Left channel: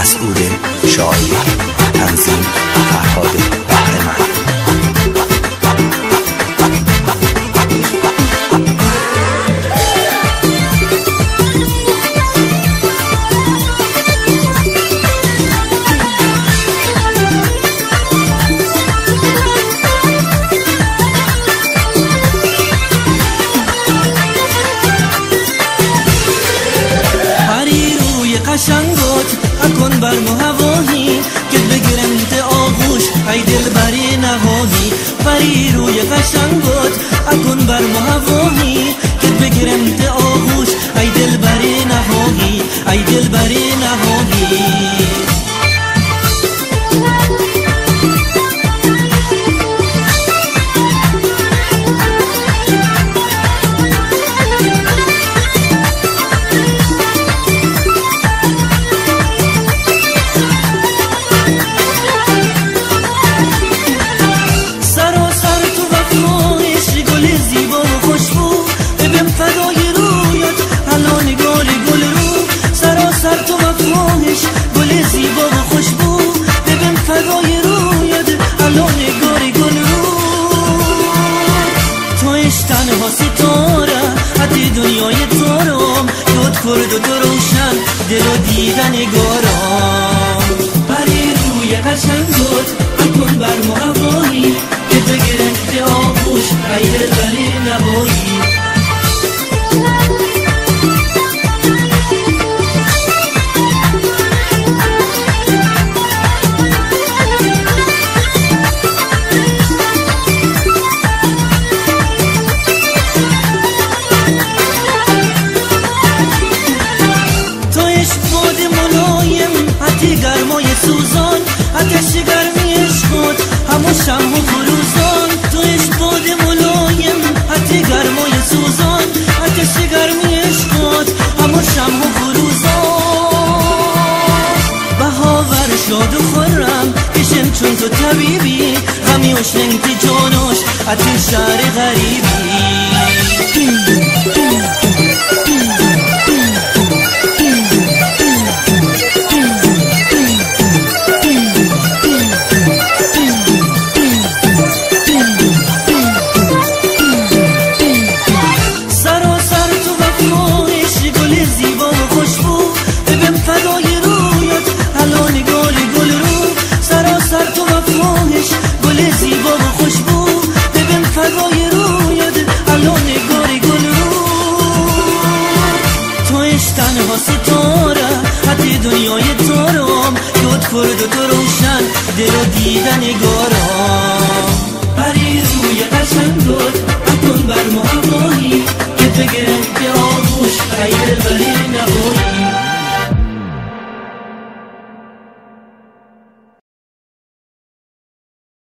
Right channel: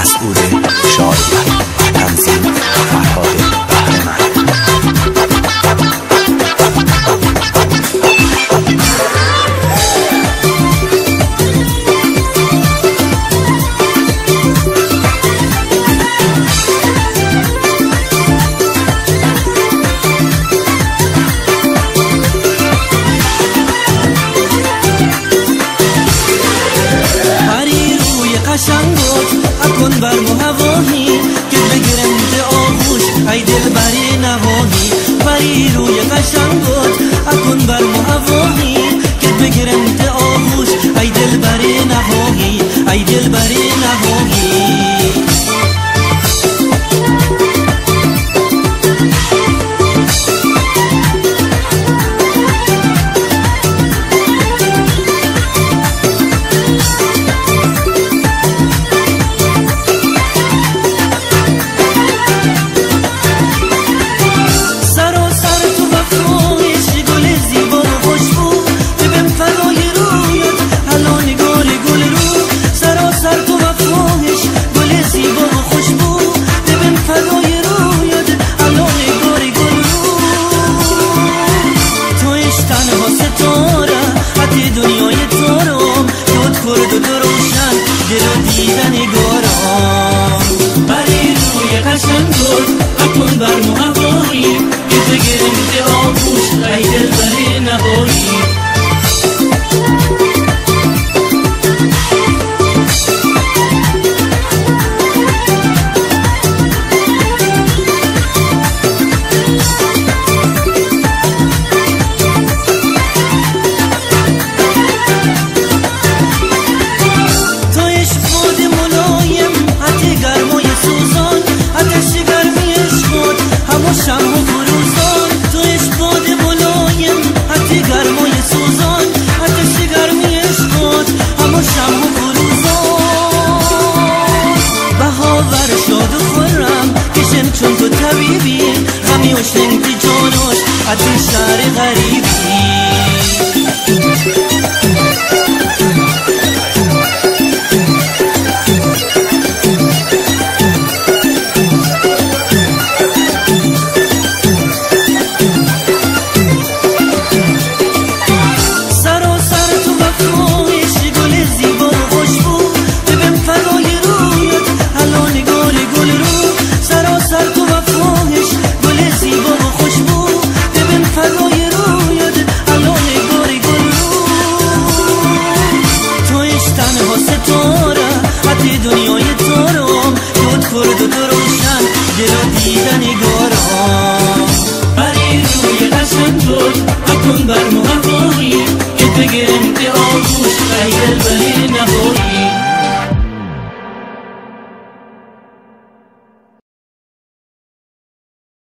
مسعود شایعی، تنظیم فرهاد بهره‌مند. قشنگوت اکن بر هوایی که بگیرم ده آغوش ای دل بری نهایی. پری روی قشنگوت اکن بر هوایی که بگیرم ده آغوش ای دل بری نهایی، ای دل بری نهایی. فدای رویت حالا نگار گل رو، سراسر تو وفاهش گل زیبا و خوشبو. ببین فدای رویت حالا نگار گل رو، تویش تنها ستاره حتی دنیای تارم، دود کرد و دو روشن دل و دیدن گارم. بری روی قشنگت اکن بر هوایی که بگیرم ده آغوش ای دل بری نهایی. باد ملایم حتی گرمای سوزان، آتش گرمی عشقت همو شمع و فروزان. تویش باد ملایم حتی گرمای سوزان، آتش گرمی عشقت همو شمع و فروزان. بهاور شاد و خرم کشم چون تو طبیبی، غمی و شلنگی جانوش حتی شهر غریبی. فدای رویت حالا نگار گل رو، سراسر تو وفاهش گل زیبا و خوشبو. ببین فدای رویت حالا نگار گل رو، تویش تنها ستاره حتی دنیای تارم، دود کرد و دو روشن دل و دیدن گارم. بری روی قشنگت اکن بر هوایی که بگیرم ده آغوش ای دل بری نهایی.